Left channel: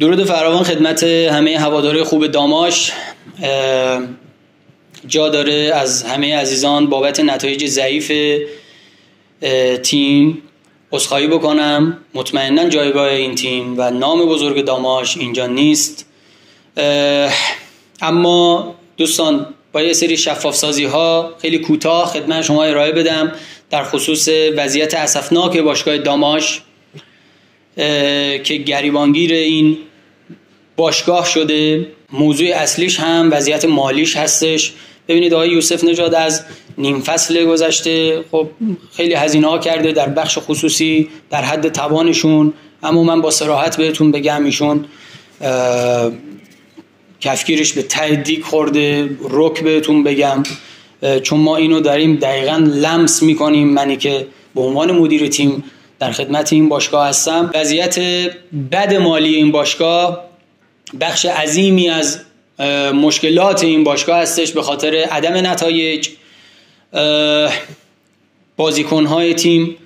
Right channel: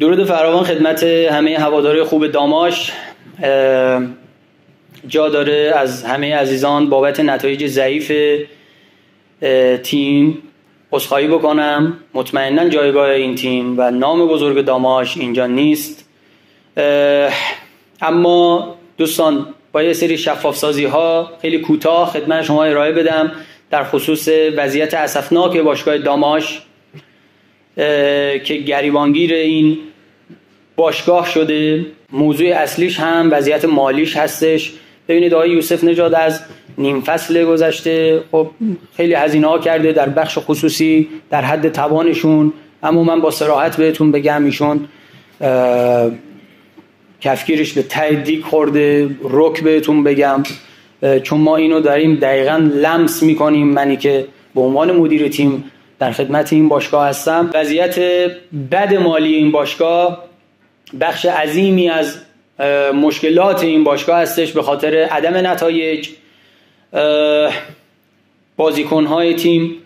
درود فراوان خدمت همه هواداره خوب داماش. جا داره از همه عزیزان بابت نتایج ضعیف تیم عذرخواهی بکنم. مطمئناً جایگاه این تیم و نام بزرگ داماش اینجا نیست، اما دوستان با یه سری شفاف سازی ها خیلی کوتاه خدمت شما ارائه بدم در خصوص وضعیت اسفناک باشگاه داماش که گریبانگیر این باشگاه شده. موضوع اصلیش هم وضعیت مالیش هستش. ببینید آقای یوسف نژاد از نیم فصل گذشته خب خیلی هزینه ها کرده در بخش خصوصی در حد توانشون، اما من با صراحت بهتون بگم ایشون کفگیرش به ته دیگ خورده. رک بهتون بگم، چون ما اینو داریم دقیقاً لمس میکنیم. منی که به عنوان مدیر تیم در خدمت این باشگاه هستم، وضعیت بد مالی این باشگاه بخش عظیمی از مشکلات این باشگاه هستش به خاطر عدم نتایج. بازیکن‌های تیم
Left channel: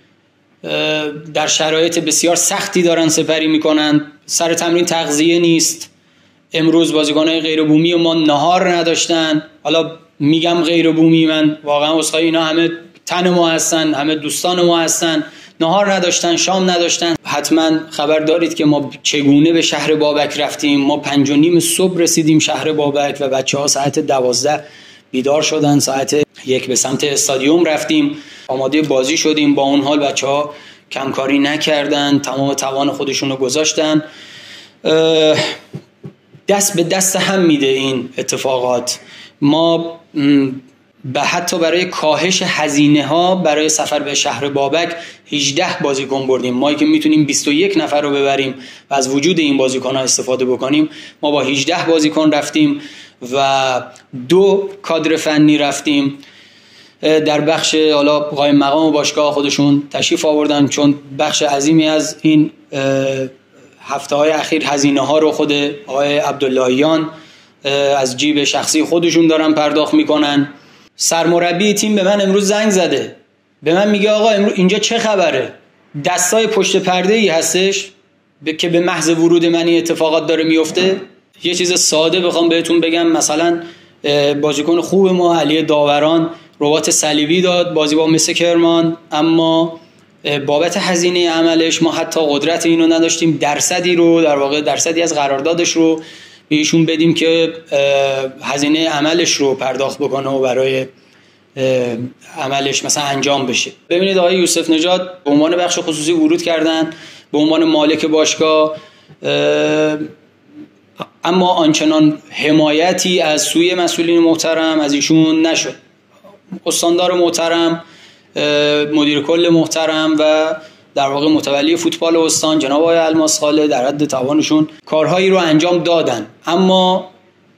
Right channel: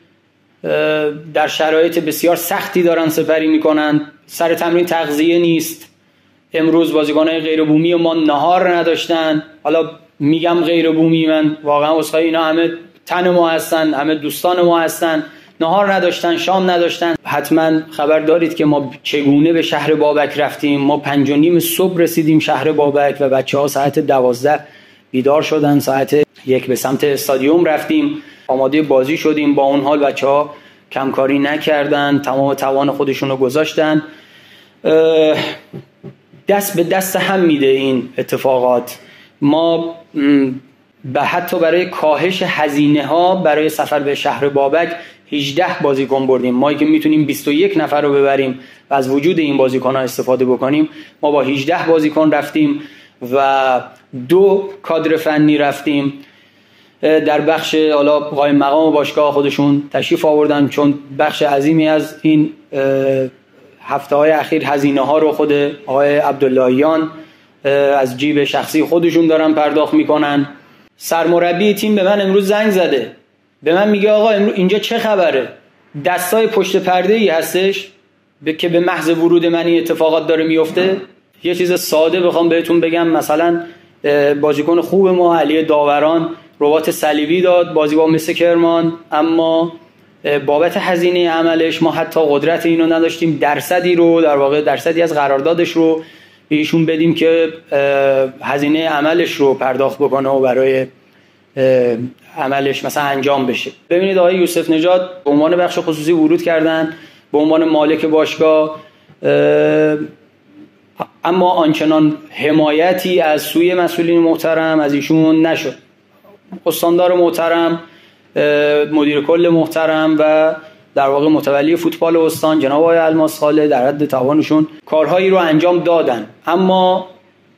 در شرایط بسیار سختی دارن سپری میکنن. سر تمرین تغذیه نیست. امروز بازیکن‌های غیر بومی ما نهار نداشتن. حالا میگم غیر بومی، من واقعا عذرخواهی، اینا همه تن ما هستن، همه دوستان ما هستن. نهار نداشتن، شام نداشتن. حتما خبر دارید که ما چگونه به شهر بابک رفتیم. ما 5:30 صبح رسیدیم شهر بابک و بچه‌ها ساعت 12 بیدار شدن. ساعت 1 به سمت استادیوم رفتیم، آماده بازی شدیم. با اون حال بچه‌ها کمکاری نکردن، تمام توان خودشون رو گذاشتن. دست به دست هم میده این اتفاقات. ما حتی برای کاهش هزینه ها برای سفر به شهر بابک 18 بازیکن بردیم. ما که میتونیم 21 نفر رو ببریم و از وجود این بازیکن ها استفاده بکنیم، ما با 18 بازیکن رفتیم و 2 کادر فنی رفتیم. در بخش حالا قائم مقام باشگاه خودشون تشریف آوردن، چون بخش عظیمی از این هفته های اخیر هزینه ها رو خود آقای عبداللهیان از جیب شخصی خودشون دارن پرداخت میکنن. سرمربی تیم به من امروز زنگ زده، به من میگه آقا اینجا چه خبره؟ دستای پشت پرده ای هستش که به محض ورود من این اتفاقات داره میفته. یه چیز ساده بخوام بهتون بگم، مثلا بازیکن خوب ما علی داوران رباط صلیبی داد بازی با مس کرمان، اما بابت هزینه عملش ما حتی قدرت اینو نداشتیم درصدی رو، در واقع درصدی از قراردادش رو به ایشون بدیم که هزینه عملش رو پرداخت بکنه و برای عملش مثلا انجام بشه. ببینید آقای یوسف نژاد به عنوان بخش خصوصی ورود کردن به عنوان مالک باشگاه، اما آنچنان حمایتی از سوی مسئولین محترم از ایشون نشد. استاندار محترم، مدیر کل محترم و در واقع متولی فوتبال استان جناب آقای الماس خاله در حد توانشون کارهایی رو انجام دادن، اما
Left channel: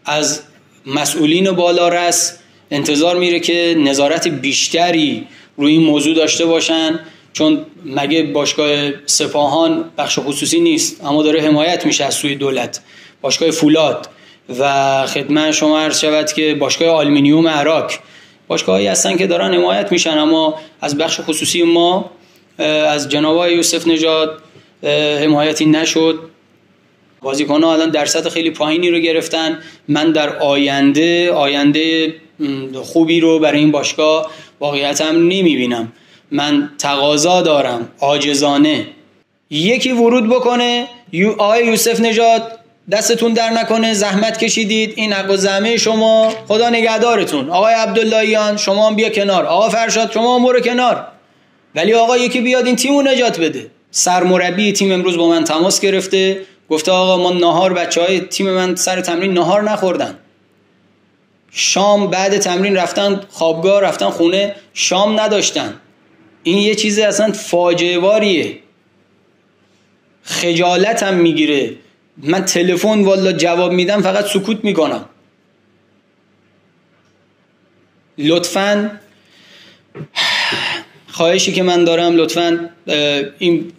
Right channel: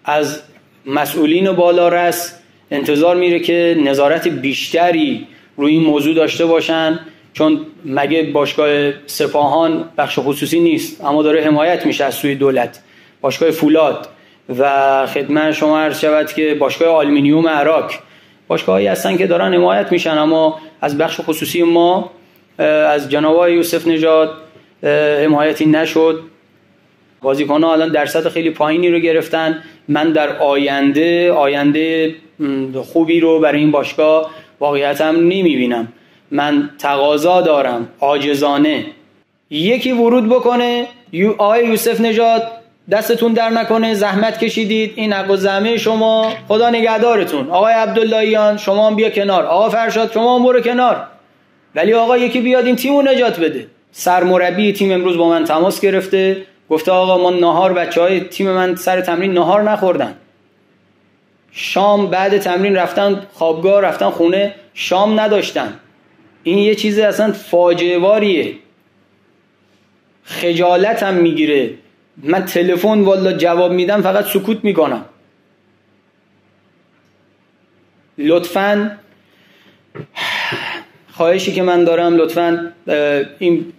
از مسئولین بالارس انتظار میره که نظارت بیشتری روی این موضوع داشته باشن، چون مگه باشگاه سپاهان بخش خصوصی نیست اما داره حمایت میشه از سوی دولت. باشگاه فولاد و خدمت شما عرض شود که باشگاه آلومینیوم عراق باشگاهایی هستن که دارن حمایت میشن، اما از بخش خصوصی ما از جناب آقای یوسف نژاد حمایتی نشد. بازیکن‌ها الان درصد خیلی پایینی رو گرفتن. من در آینده خوبی رو برای این باشگاه واقعیتاً نمیبینم. من تقاضا دارم عاجزانه یکی ورود بکنه. آقای یوسف نژاد دستتون در نکنه، زحمت کشیدید، این حق و زحمه شما، خدا نگهدارتون. آقای عبداللهیان شما هم بیا کنار، آقا فرشاد شما هم برو کنار، ولی آقا یکی بیاد این تیمو نجات بده. سرمربی تیم امروز با من تماس گرفته، گفته آقا ما نهار، بچهای تیم من سر تمرین نهار نخوردن، شام بعد تمرین رفتن خوابگاه، رفتن خونه، شام نداشتن. این یه چیز اصلا فاجعه باریه. خجالتم میگیره. من تلفن والا جواب میدم فقط سکوت میکنم. لطفاً خواهشی که من دارم، لطفاً این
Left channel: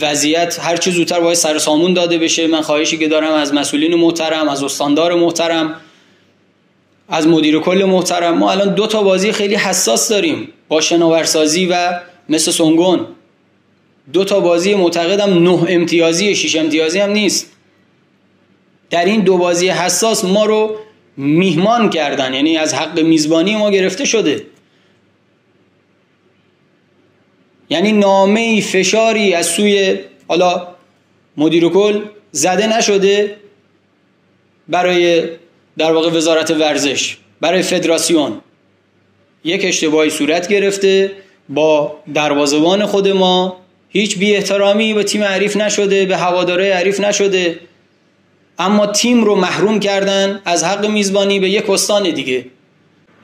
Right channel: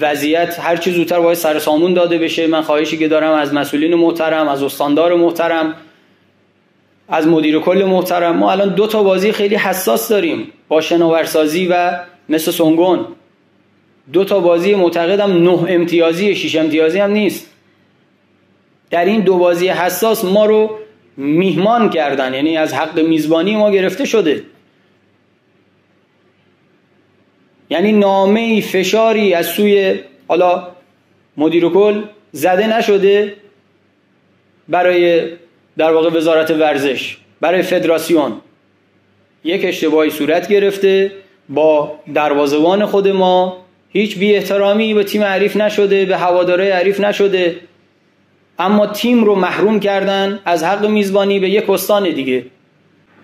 وضعیت هر چه زودتر باید سر سامون داده بشه. من خواهشی که دارم از مسئولین محترم، از استاندار محترم، از مدیر کل محترم، ما الان 2 بازی خیلی حساس داریم با شناورسازی و مثل سنگون. 2 بازی معتقدم 9 امتیازی 6 امتیازی هم نیست. در این 2 بازی حساس ما رو میهمان کردن، یعنی از حق میزبانی ما گرفته شده. یعنی نامه‌ای فشاری از سوی حالا مدیر کل زده نشده برای در واقع وزارت ورزش، برای فدراسیون. یک اشتباهی صورت گرفته، با دروازه‌بان خود ما هیچ بی احترامی به تیم حریف نشده، به هواداره حریف نشده، اما تیم رو محروم کردن از حق میزبانی به یک استان دیگه.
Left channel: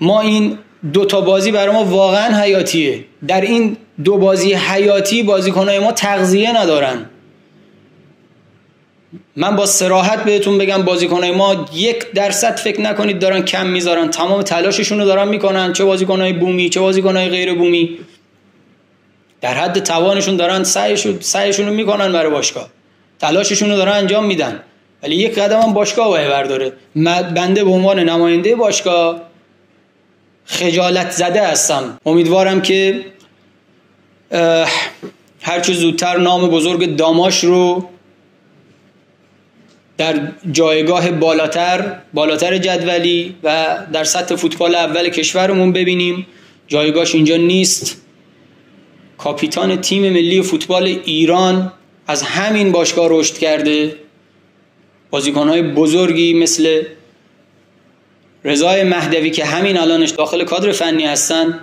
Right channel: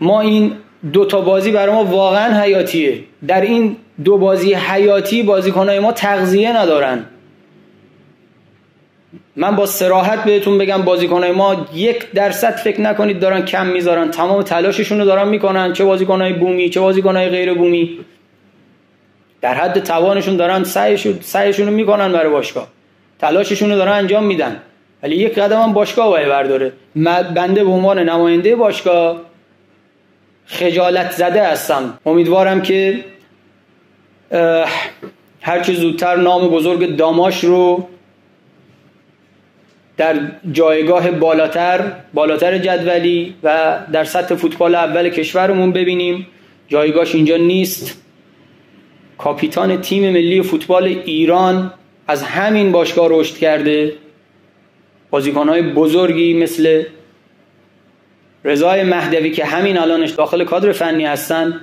ما این 2 تا بازی برای ما واقعا حیاتیه. در این 2 بازی حیاتی بازیکن‌های ما تغذیه ندارن. من با صراحت بهتون بگم بازیکن‌های ما 1% فکر نکنید دارن کم میذارن، تمام تلاششون رو دارن میکنن، چه بازیکن‌های بومی چه بازیکن‌های غیر بومی، در حد توانشون دارن سعیشون رو میکنن برای باشگاه، تلاششون رو دارن انجام میدن. ولی یک قدم هم باشگاه باید برداره. بنده به عنوان نماینده باشگاه خجالت زده هستم. امیدوارم که هرچه زودتر نام بزرگ داماش رو در جایگاه بالاتر جدولی و در سطح فوتبال اول کشورمون ببینیم. جایگاهش اینجا نیست. کاپیتان تیم ملی فوتبال ایران از همین باشگاه رشد کرده. بازیکن‌های بزرگی مثل رضای مهدوی که همین الانش داخل کادر فنی هستن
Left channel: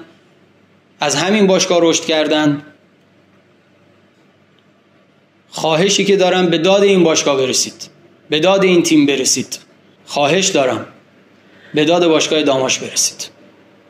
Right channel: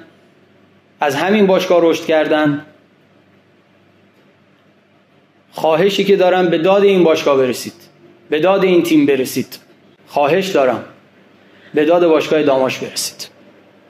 از همین باشگاه رشد کردن. خواهشی که دارم به داد این باشگاه برسید، به داد این تیم برسید. خواهش دارم به داد باشگاه داماش برسید.